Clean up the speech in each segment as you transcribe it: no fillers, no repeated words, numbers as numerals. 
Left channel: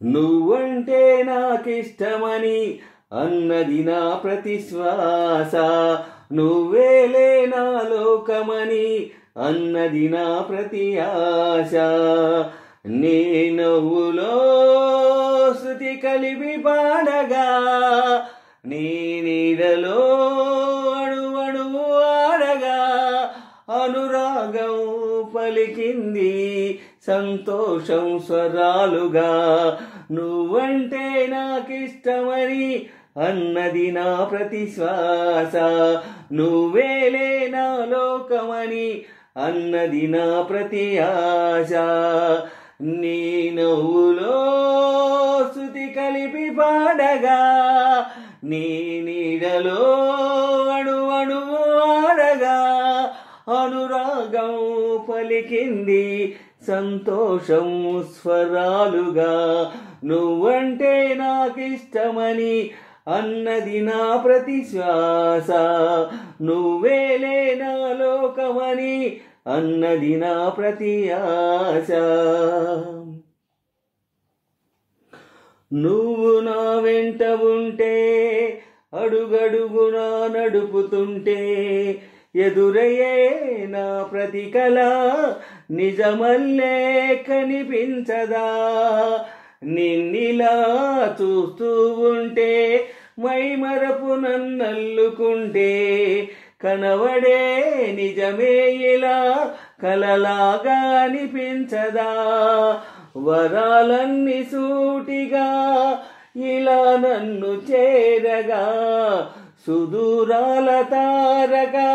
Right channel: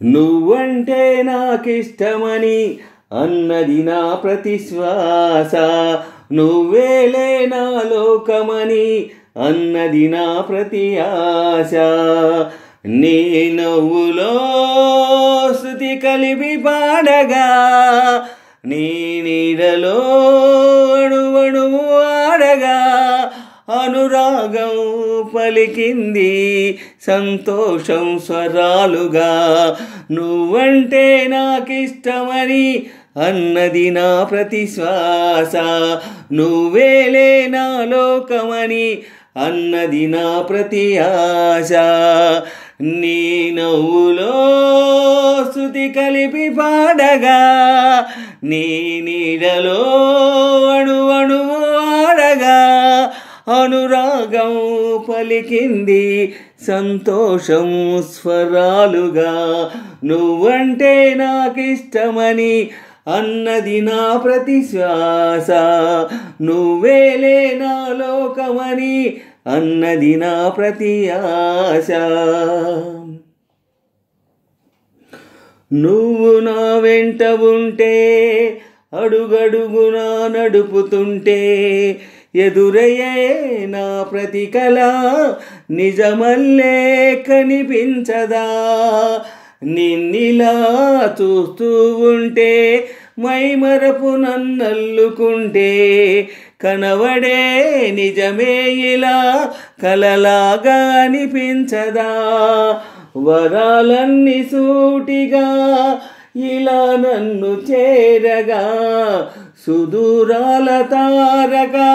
నువ్వంటే నాకిష్టమని అన్నది నా ప్రతి శ్వాస, నువ్వేలే నా లోకమని అన్నది నా ప్రతి ఆశ. నీ నవ్వులో శృతి కలిపి పాడగా, నీ నీడలో అణువణువు ఆడగా, అనురాగం పలికింది సంతోషం స్వరాలుగా. నువ్వంటే నాకిష్టమని అన్నది నా ప్రతి శ్వాస, నువ్వేలే నా లోకమని అన్నది నా ప్రతి ఆశ. నీ నవ్వులో శృతి కలిపి పాడగా, నీ నీడలో అణువణువు ఆడగా, అనురాగం పలికింది సంతోషం స్వరాలుగా. నువ్వంటే నాకిష్టమని అన్నది నా ప్రతి శ్వాస, నువ్వేలే నా లోకమని అన్నది నా ప్రతి ఆశ. నువ్వు నా వెంట ఉంటే, అడుగడుగునా నడుపుతుంటే, ఎదురయ్యే నా ప్రతి కల నిజమల్లే కనిపించదా. నిన్నిలా చూస్తూ ఉంటే, మైమరపు నన్నల్లుకుంటే, కనవడే నిజమే ఇలా కలలాగా అనిపించదా. వరాలన్నీ సూటిగా ఇలా నన్ను చేరగా, సుదూరాల తారగా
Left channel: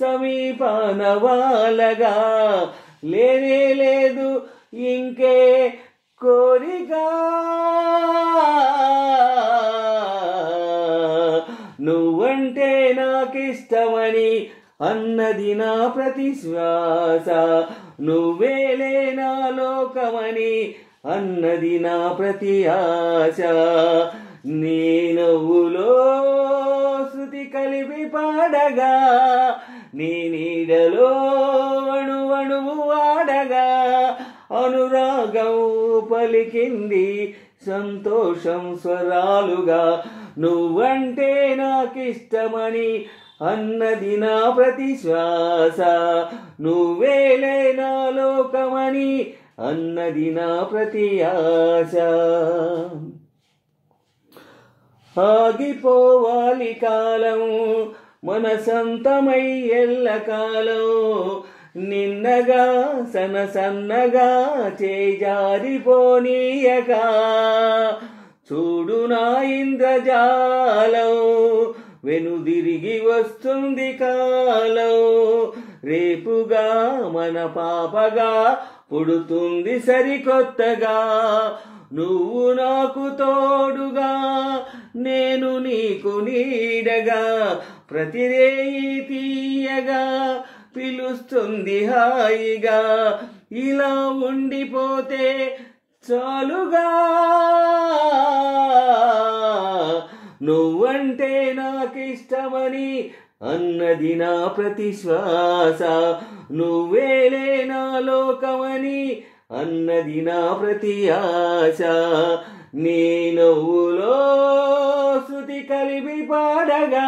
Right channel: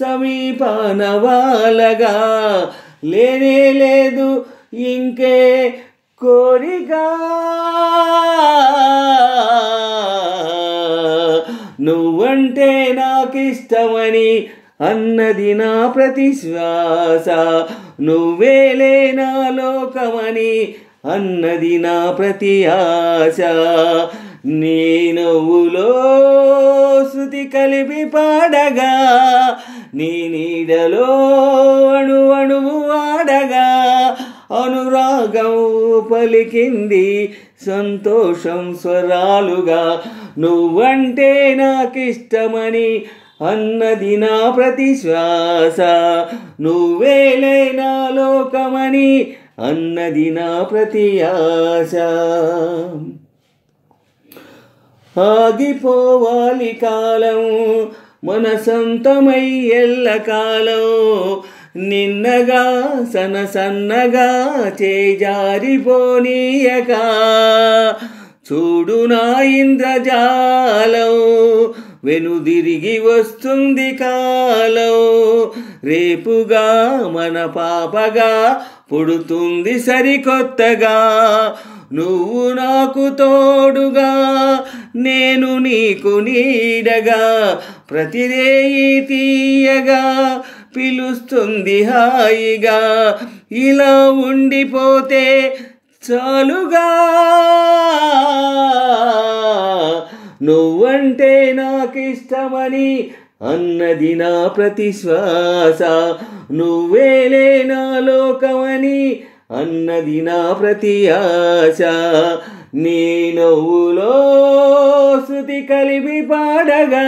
సమీపాన వాలగా, లేనే లేదు ఇంకే కోరిక. నువ్వంటే నాకిష్టమని అన్నది నా ప్రతి శ్వాస, నువ్వేలే నా లోకమని అన్నది నా ప్రతి ఆశ. నీ నవ్వులో శృతి కలిపి పాడగా, నీ నీడలో అణువణువు ఆడగా, అనురాగం పలికింది సంతోషం స్వరాలుగా. నువ్వంటే నాకిష్టమని అన్నది నా ప్రతి శ్వాస, నువ్వేలే నా లోకమని అన్నది నా ప్రతి ఆశ. ఆగిపోవాలి కాలం మన సొంతమై ఎల్లకాలం, నిన్నగా సన్నగా చేజారిపోనీయక. చూడు నా ఇంద్రజాలం వెనుదిరిగి వస్తుంది కాలం, రేపుగా మన పాపగా పుడుతుంది సరికొత్తగా. నువ్వు నాకు తోడుగా, నేను నీకు నీడగా, ప్రతిరేయి తీయగా పిలుస్తుంది హాయిగా. ఇలా ఉండిపోతే చాలుగా. నువ్వంటే నాకిష్టమని అన్నది నా ప్రతి శ్వాస, నువ్వేలే నా లోకమని అన్నది నా ప్రతి ఆశ. నీ నవ్వులో శృతి కలిపి పాడగా,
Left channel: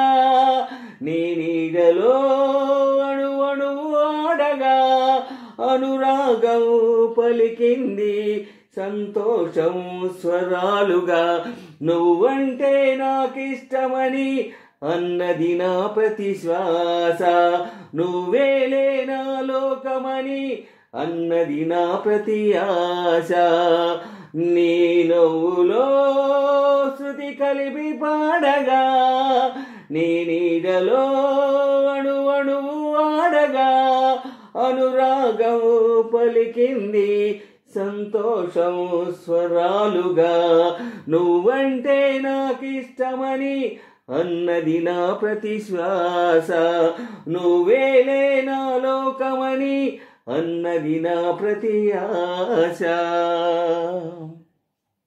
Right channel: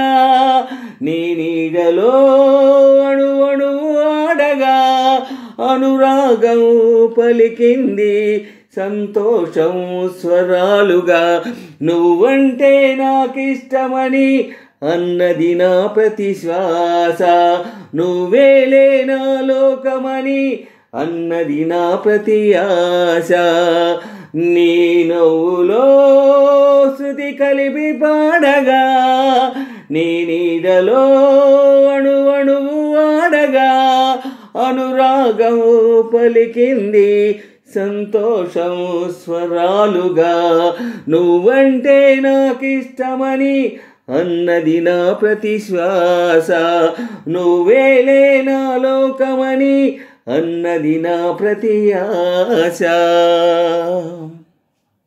నీ నీడలో అణువణువు ఆడగా, అనురాగం పలికింది సంతోషం స్వరాలుగా. నువ్వంటే నాకిష్టమని అన్నది నా ప్రతి శ్వాస, నువ్వేలే నా లోకమని అన్నది నా ప్రతి ఆశ. నీ నవ్వులో శృతి కలిపి పాడగా, నీ నీడలో అణువణువు ఆడగా, అనురాగం పలికింది సంతోషం స్వరాలుగా. నువ్వంటే నాకిష్టమని అన్నది నా ప్రతి శ్వాస, నువ్వేలే నా లోకమని అన్నది నా ప్రతి ఆశ.